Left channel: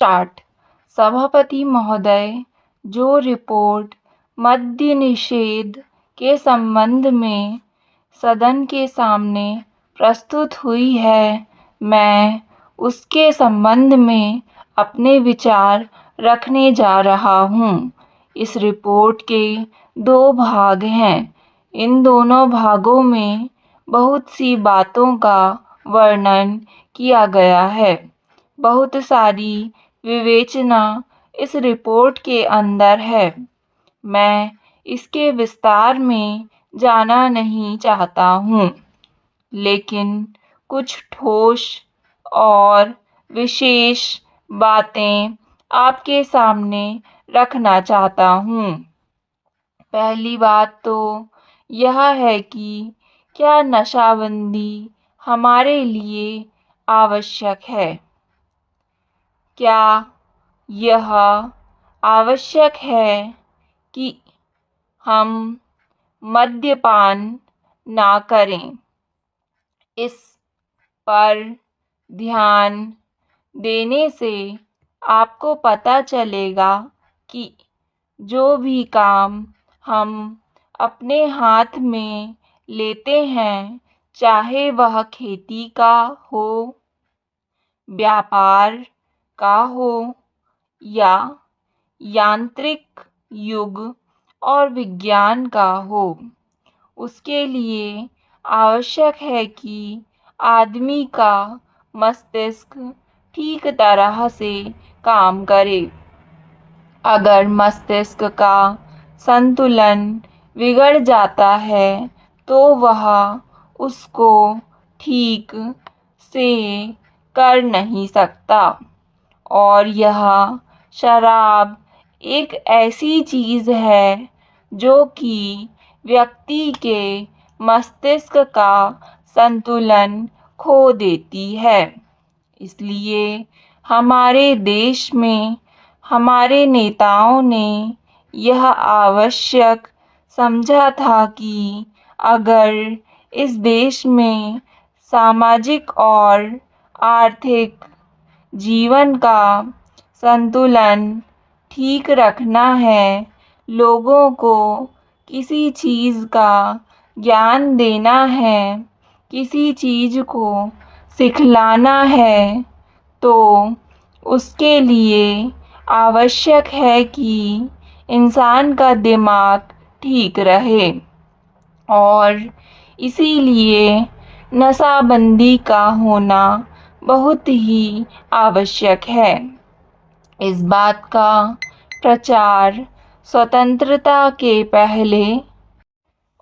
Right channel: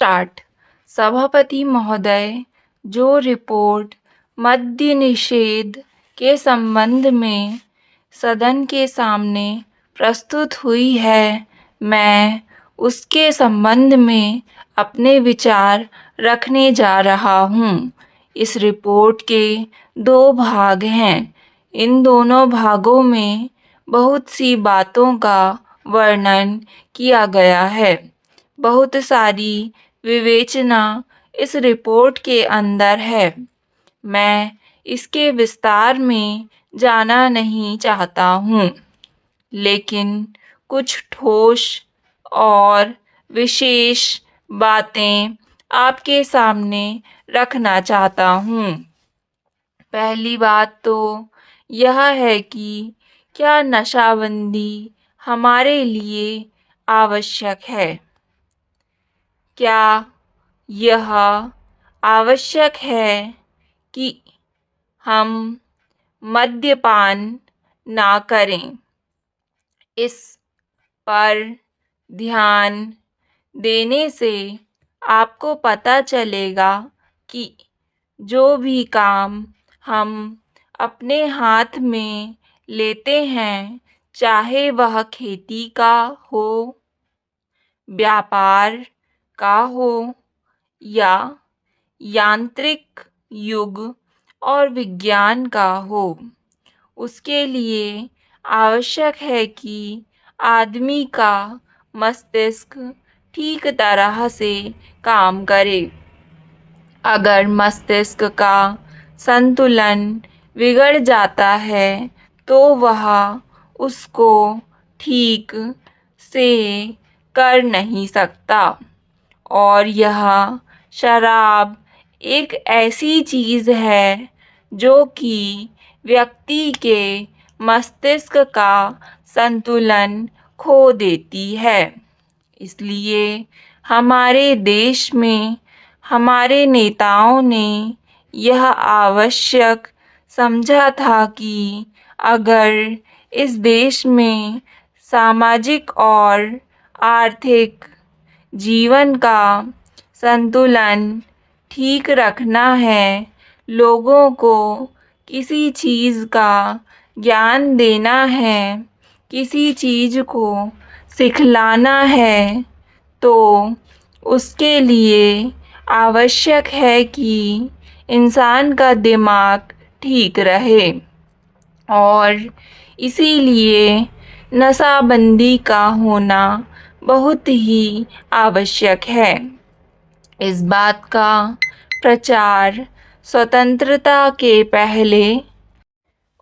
Start. सभापति महोदय, जो रिपोर्ट मद्य निषेध के संबंध में सदन के सामने प्रस्तुत हुई है, मैं उसके संबंध में अपने विचार रखने जा रहा हूँ। इस रिपोर्ट के 2 भाग हैं। इन दोनों भागों में बहुत सी बातों का वर्णन किया गया है। बहुत सारी विवेचना इस रिपोर्ट के अंदर है। मैं इसके विस्तार में जाना नहीं चाहता हूँ, लेकिन कुछ ठोस और विशेष बातें आपके सामने रखना चाहता हूँ। पहली बात तो यह है कि क्या नशाबंदी हमारे लिए आवश्यक है? क्या यह आवश्यक है कि हम मद्यपान ना करें? इस पर ध्यान देने से आपको पता चलेगा कि जो भी काम हम अपने हाथ में लेते हैं, चाहे वह खेती का हो, व्यापार का हो या यांत्रिक युग और विज्ञान का हो, उसके लिए आवश्यक है कि आदमी का मस्तिष्क ठीक तरह से काम करे। अगर मस्तिष्क का संतुलन बिगड़ जाता है तो वह उसको ठीक से कर नहीं सकता। और यह शराब एक ऐसी चीज़ है जो कि व्यक्ति के मस्तिष्क का संतुलन खो देती है। इसलिए हमारे देश में हमारे नेताओं ने यह आवश्यक समझा था कि अगर इस देश में सामाजिक और आर्थिक जीवन का संतुलन ठीक रखना है, लोगों को किसी चीज़ का ज्ञान देना है, किसी चीज़ को सिखलाना है, तो उसके लिए आवश्यक है कि इंसान का दिमाग ठीक रहे। और इसीलिए नशाबंदी का होना बहुत ही आवश्यक है। इस बात का प्रचार स्वतंत्रता के पहले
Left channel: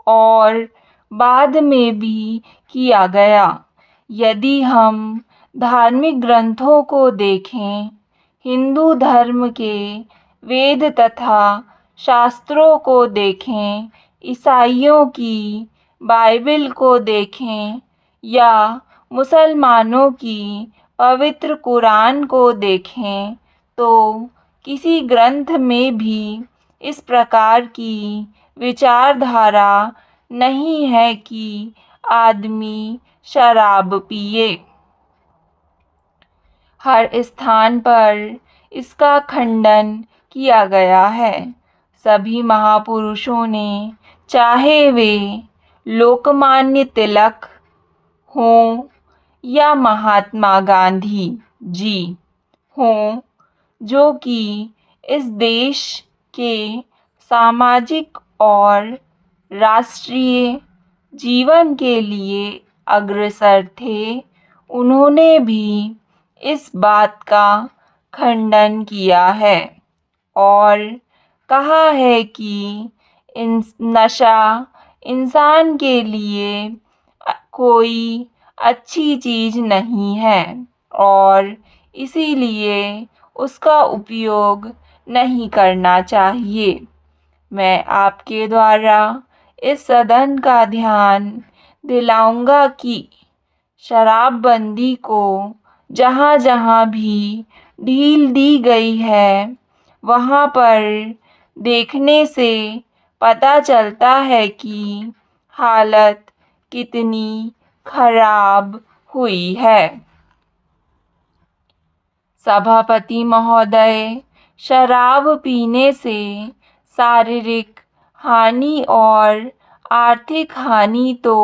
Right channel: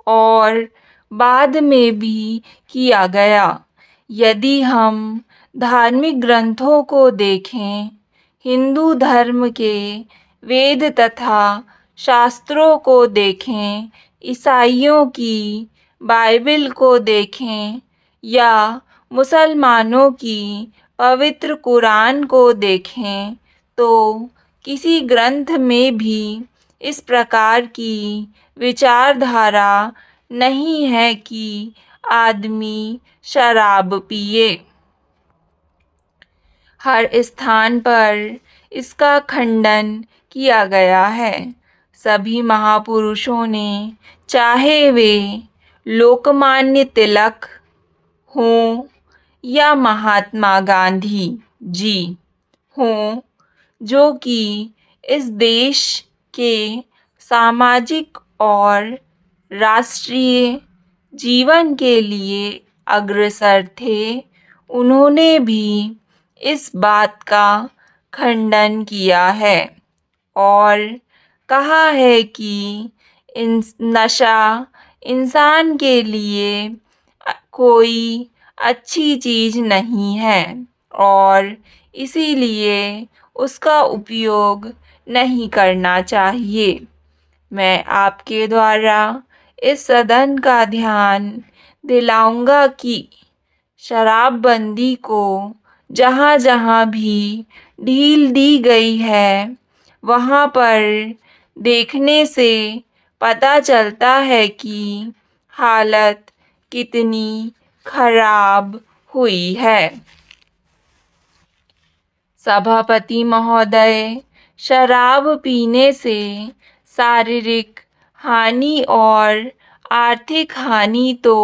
और बाद में भी किया गया। यदि हम धार्मिक ग्रंथों को देखें, हिंदू धर्म के वेद तथा शास्त्रों को देखें, ईसाइयों की बाइबल को देखें या मुसलमानों की पवित्र कुरान को देखें, तो किसी ग्रंथ में भी इस प्रकार की विचारधारा नहीं है कि आदमी शराब पिए। हर स्थान पर इसका खंडन किया गया है। सभी महापुरुषों ने, चाहे वे लोकमान्य तिलक हों या महात्मा गांधी जी हों, जो कि इस देश के सामाजिक और राष्ट्रीय जीवन के लिए अग्रसर थे, उन्होंने भी इस बात का खंडन किया है और कहा है कि नशा इंसान के लिए कोई अच्छी चीज़ नहीं है और इसीलिए उसका उपयोग नहीं करना चाहिए। मैं आपके द्वारा इस सदन का ध्यान दिलाऊंगा कि शराबबंदी को जहाँ-जहाँ भी ढील दी गई है, वहाँ पर देखने से पता चलता है कि हालत कितनी खराब हुई है। सभापति महोदय, शराब पीने से शारीरिक हानि और आर्थिक हानि तो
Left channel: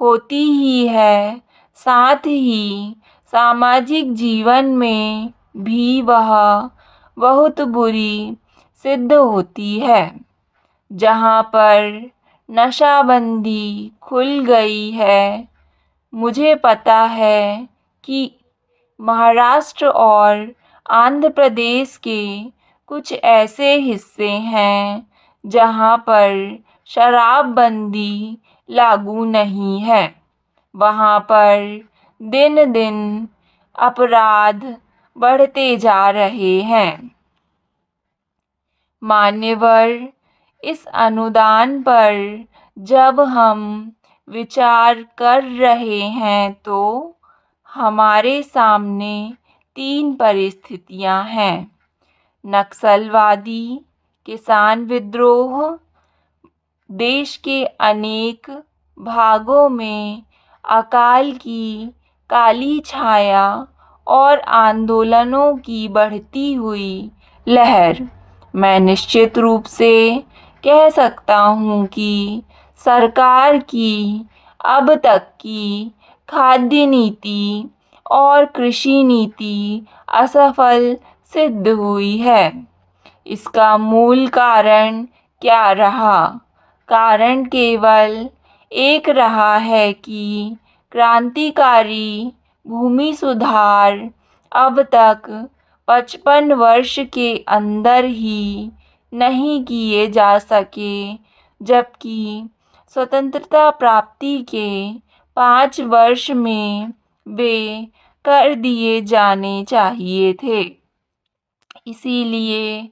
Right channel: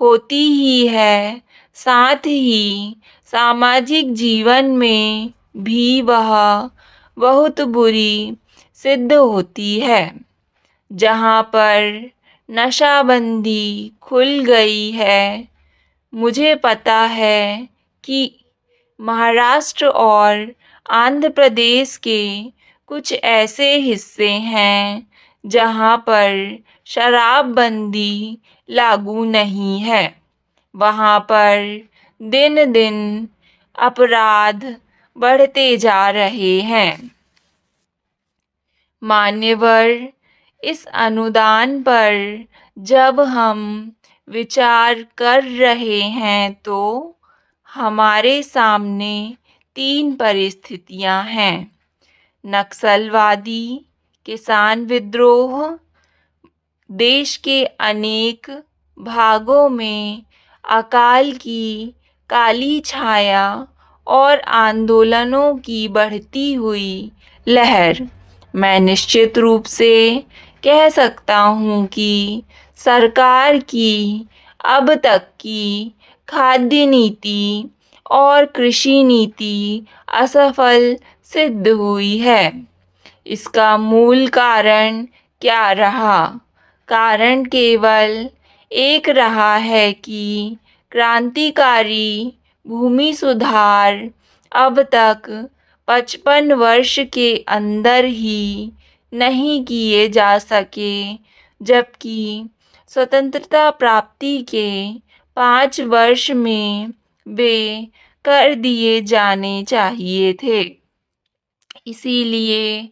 होती ही है, साथ ही सामाजिक जीवन में भी वह बहुत बुरी सिद्ध होती है। जहाँ पर नशाबंदी खुल गई है, मुझे पता है कि महाराष्ट्र और आंध्र प्रदेश के कुछ ऐसे हिस्से हैं जहाँ पर शराबबंदी लागू नहीं है। वहाँ पर दिन दिन अपराध बढ़ते जा रहे हैं। मान्यवर, इस अनुदान पर जब हम विचार कर रहे हैं तो हमारे सामने 3 परिस्थितियां हैं: नक्सलवादी, किसान विद्रोह, देश के अनेक भागों में अकाल की काली छाया और आंदोलनों की बढ़ती हुई लहर। मैं निश्चित रूप से कह सकता हूँ कि सरकार की अब तक की खाद्य नीति और कृषि नीति असफल सिद्ध हुई है। इसका मूल कारण क्या रहा? कारण केवल एक रहा है कि क्रांतिकारी भूमि सुधार अब तक 55 वर्ष के अंदर ही नहीं किए जा सके, जबकि स्वतंत्रता प्राप्ति के 5 वर्ष में वे कर दिए जाने चाहिए थे। इसीलिए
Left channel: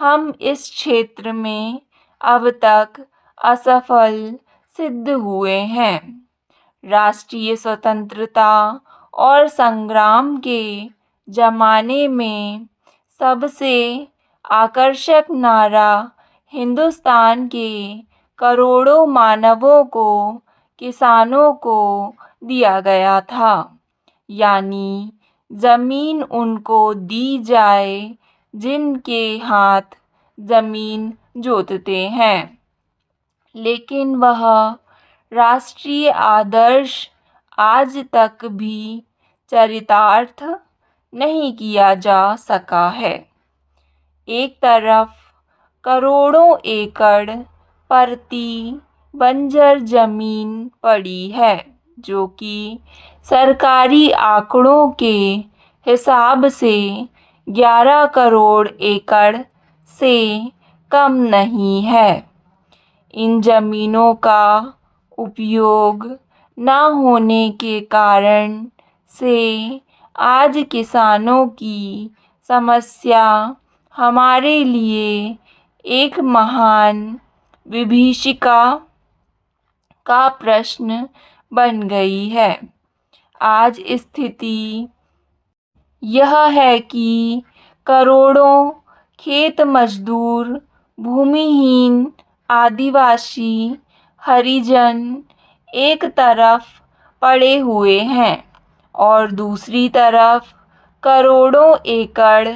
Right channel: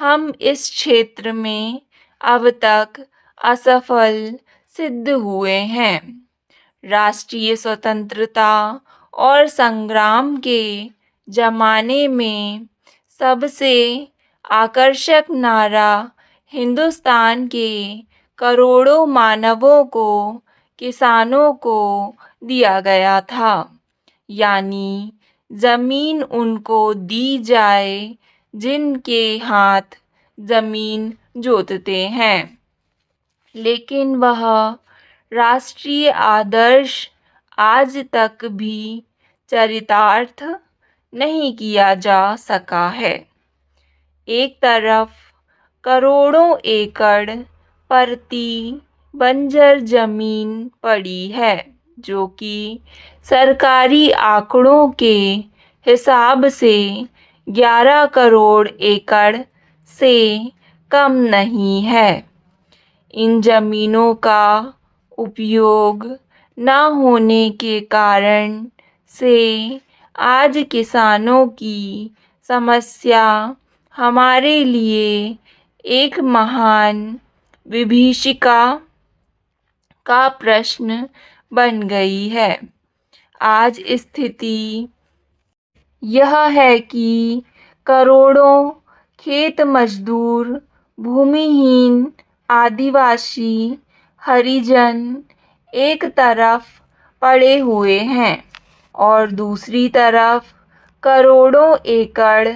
हम इस क्षेत्र में अब तक असफल सिद्ध हुए हैं। राष्ट्रीय स्वतंत्रता और संग्राम के जमाने में सबसे आकर्षक नारा हिंदुस्तान के करोड़ों मानवों को, किसानों को दिया गया था, यानी जमीन उनको दी जाए जिनके हाथ जमीन जोतते हैं। लेकिन वह राष्ट्रीय आदर्श आज तक भी चरितार्थ नहीं किया जा सका है। एक तरफ करोड़ों एकड़ परती बंजर जमीन पड़ी है, जो कि सरकारी आंकड़ों के हिसाब से 11 करोड़ एकड़ से कम नहीं है। इन जमीनों का उपयोग न होने के कारण से आज किसानों की समस्या हमारे लिए एक महान विभीषिका का प्रश्न बन गई है। आज स्थिति यह है कि करोड़ों खेत मजदूर, भूमिहीन आदिवासी, हरिजन एक तरफ पड़े हुए हैं और दूसरी तरफ करोड़ों एकड़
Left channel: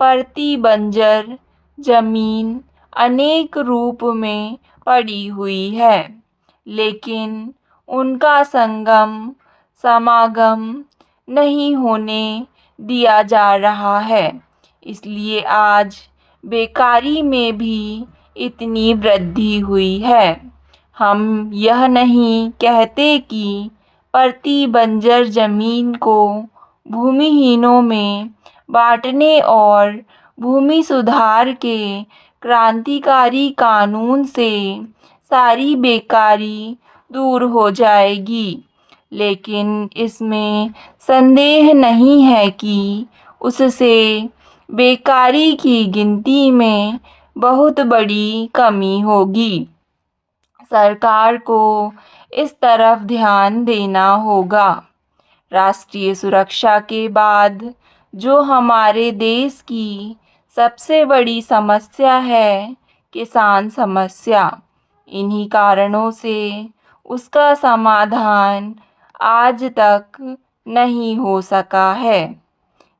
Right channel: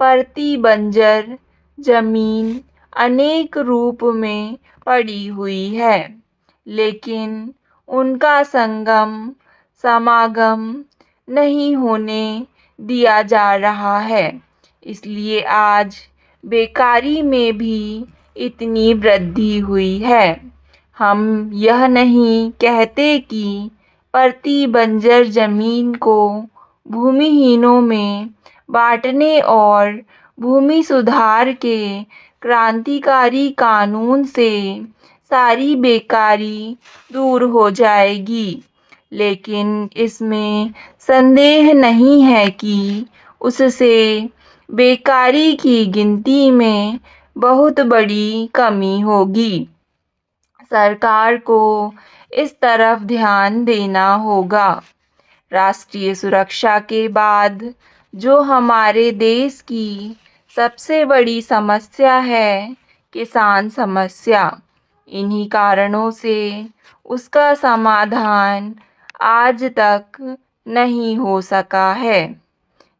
परती बंजर जमीन अनेक रूप में पड़ी हुई है, लेकिन उनका समागम नहीं होने दिया जा रहा है। इसलिए आज बेकारी में भी इतनी वृद्धि हुई है। हम यह नहीं कहते कि परती बंजर जमीन को भूमिहीनों में बांटने और भूमि सुधार के क्रांतिकारी कानून से सारी बेकारी दूर हो जाएगी, लेकिन इसमें संदेह नहीं है कि उससे बेकारी की गिनती में बहुत बड़ी कमी होगी। सरकार को इस तरफ ध्यान देना होगा। राष्ट्रीय सुरक्षा के बाद जो हमारे देश की सबसे बड़ी समस्या है, किसान समस्या, इन्हीं कारणों से उसका समाधान आज तक नहीं हो सका है।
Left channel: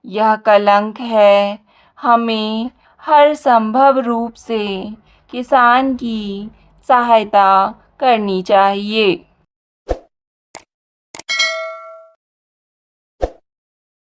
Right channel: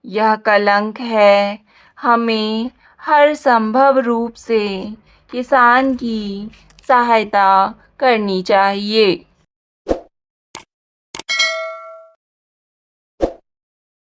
यह कलंक है। हमें हर संभव रूप से किसान की सहायता करनी चाहिए।